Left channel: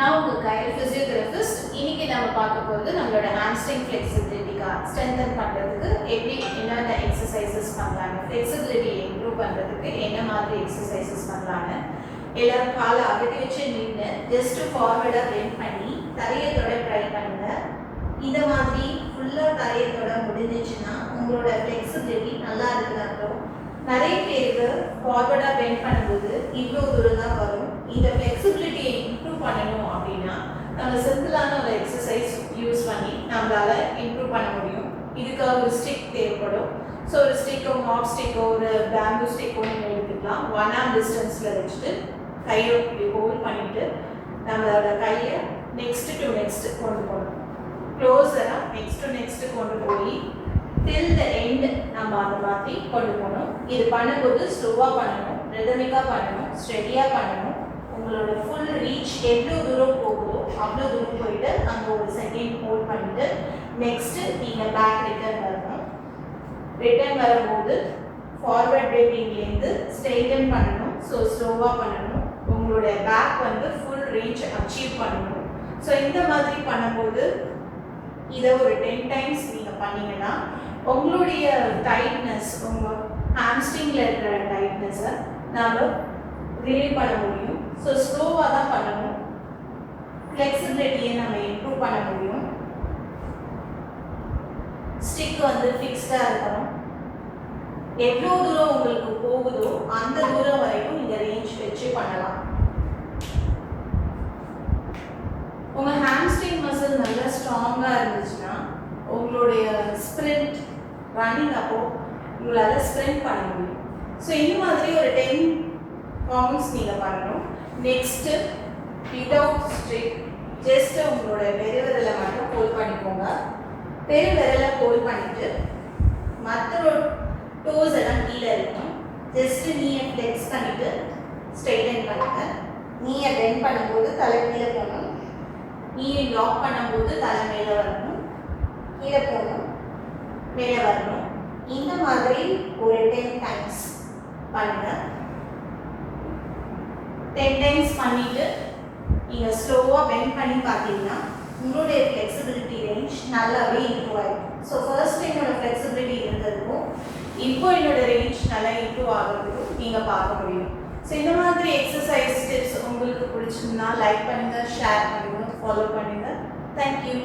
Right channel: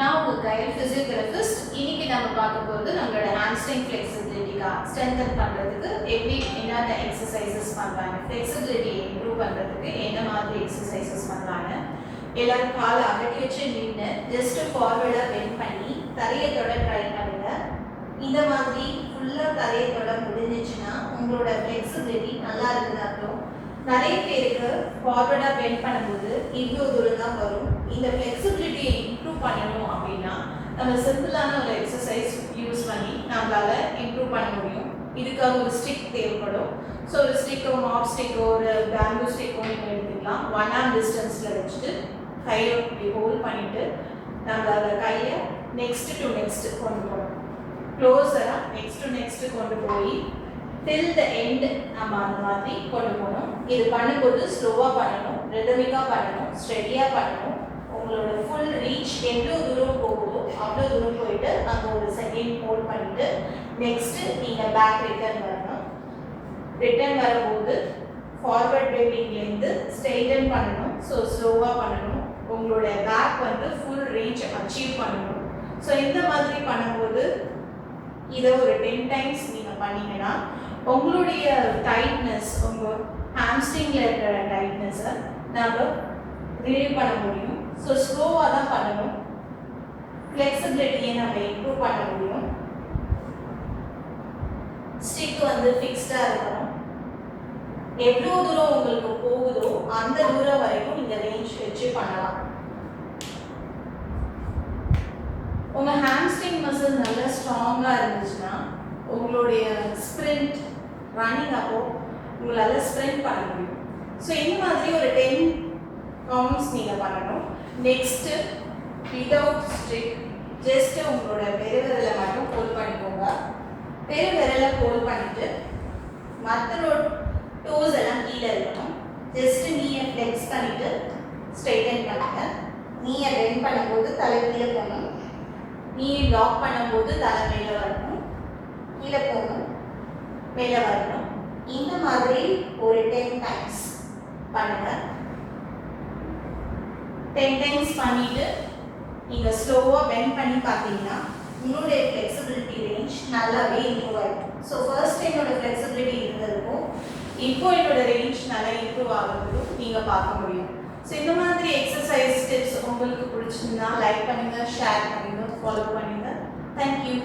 நான் உங்க Kyle physiotherapist. இன்னைக்கு நம்ம பார்க்க போகிறது நம்மளோட ஹாம்ஸ்ட்ரிங் ஃப்ளெக்சிபிலிட்டிக்கா ஸ்ட்ரென்தன் பண்ணுறதுக்கு எப்படி என்னென்ன எக்ஸசைசஸ் பண்ணுறாங்க, ஃப்ளெக்சிபிலிட்டி இம்ப்ரூவ் பண்ணுறதுக்கு என்ன மாதிரி எக்ஸசைசஸ் பண்ணுறாங்க. எல்லாரும் காலை அகட்டி வச்சு நின்று ஜஸ்ட் ஃபார்வர்டாக பெண்ட் பண்ணி தரையை தொட ட்ரை பண்ணுங்க. இந்த மாதிரி ஃபுல்லாக தரையை தொட முடிஞ்சிச்சுன்னா உங்களோட ஃப்ளெக்சிபிலிட்டி நல்லா இருக்குது அர்த்தம். நிறைய பேருக்கு ஃபார்வர்டாக பெண்ட் பண்ணும்போது இவ்வளோ தூரம் தான் வரும். இந்த ஃப்ளெக்சிபிலிட்டியை இம்ப்ரூவ் பண்ணணும் அப்படின்னா நம்ம சிம்பிளான ஒரு எக்ஸசைஸ் யூஸ் பண்ணி நம்மளால இம்ப்ரூவ் பண்ண முடியும். இதுக்காக ஒரு ஸ்டிக் தேவைப்படும். ஸோ ஒரு ஸ்டிக்கோ, மாப் ஸ்டிக்கோ, ஒரு பேம்பூ ஸ்டிக்கோ நீங்கள் எடுத்துக்கலாம். 1 arm டிஸ்டன்ஸில் வச்சுட்டு கையை இப்படி ஹோல்ட் பண்ணிட்டு நம்மளோட கையை நெக்ஸ்ட் டு நெக்ஸ்ட் கொண்டு போகணும். க்ளோஸராக நெக்ஸ்ட் டு நெக்ஸ்ட் கொண்டு போய் டில் த எண்ட் நம்ம அந்த மாதிரி கொண்டு போகணும். இது பண்ணும்போது ஸ்லோவாக பண்ணணும், ரிதமிக்காக பண்ணணும், ஸ்டெடியாக பண்ணணும். உங்களோட ஃபுல் ரீச் எவ்வளோ தூரம் போகுதோ அவ்வளோ தூரம் போயிட்டு அங்கே ஒரு செகண்ட் ஹோல்ட் பண்ணிட்டு நெக்ஸ்ட்டு நீங்கள் பேக் ரிட்டர்ன் வரணும். ரிட்டர்ன் வரும்போது ஃபார்வர்ட் பெண்டிங்லேருந்து ஸ்ட்ரெயிட்டன் பண்ணணும். ஸோ ஸ்லோவாக பண்ணணும். உங்களோட பேக் வந்து ஃபுல் ரேஞ்ச் அச்சீவ் பண்ணணும். ஸோ இந்த மாதிரி பண்ணும்போது இதை ஒரு 10 times நீங்கள் பண்ணீங்கன்னா உங்களுடைய டைட்னஸ், உங்கள் ஹாம்ஸ்ட்ரிங்கில் இருக்கிற டைட்னஸை நம்ம ரிலீவ் பண்ண முடியும். ஸோ ஸ்லோவாக தான் பண்ணணும். ஃப்ளெக்சிபிலிட்டியை நம்ம இம்ப்ரூவ் பண்ண முடியும். ஸ்டிக் வந்து ஃபிக்ஸ்டாக இருக்கணும். எவ்வளோ தூரம் உங்களுக்கு போகுதோ அந்த தூரம் வரைக்கும் இந்த ரேஞ்ச் வச்சு பண்ணலாம். உங்கள் ஹாம்ஸ்ட்ரிங் மசில் நல்லா ஸ்ட்ராங்காக இருந்துச்சுன்னா உங்களுடைய ஸ்ப்ரிண்ட் ரன்னிங் அப்போ உங்களால் ஸ்ப்ரிண்ட் பண்ண முடியும். ஸோ இந்த மாதிரி ஒரு 10 கவுண்ட்ஸ் நீங்கள் பண்ணணும். நெக்ஸ்ட்டு விதவுட் ஸ்டிக் ஜஸ்ட்டு உங்களோட பெருவிரலை மட்டும் ஹோல்ட் பண்ணிக்கோங்க. பெருவிரலை ஹோல்ட் பண்ணிவிட்டு மற்ற டோஸ் எல்லாம் கீழே இருக்கணும். ஜஸ்ட்டு நீயை ஃப்ளெக்ஸ் பண்ணிவிட்டு ஸ்ட்ரெயிட்டன் பண்ணுங்க. நீயை பெண்ட் பண்ணும்போது தலை கீழே போகணும். நீயை லாக் பண்ணும்போது தலை மேலே வரணும், கீழே போகணும், மேலே வரணும். இந்த மாதிரி ஒரு 10 times பண்ணுங்கள். 10 times பண்ணிவிட்டு நீங்கள் ஸ்லோவாக பெண்ட் பண்ணி பார்த்தீங்கன்னா உங்களுடைய ஃப்ளெக்சிபிலிட்டி ரேஞ்ச் நல்லாவே இம்ப்ரூவ் ஆகிடும். ஸோ ஃபர்ஸ்ட் என்னோட ஃப்ளெக்சிபிலிட்டி இருந்ததுக்கும் இப்போ என்னோட ரேஞ்ச் நல்லா இம்ப்ரூவ் ஆகிறதுக்கும் நீங்கள் பார்க்க முடியும். ஸோ இந்த மாதிரி எக்ஸசைஸ் டிப்ஸ் உங்களுக்கு பிடிச்சிருந்தா லைக் பண்ணுங்கள், ஷேர் பண்ணுங்கள், ஃபாலோ பண்ணுங்கள். தேங்க்யூ.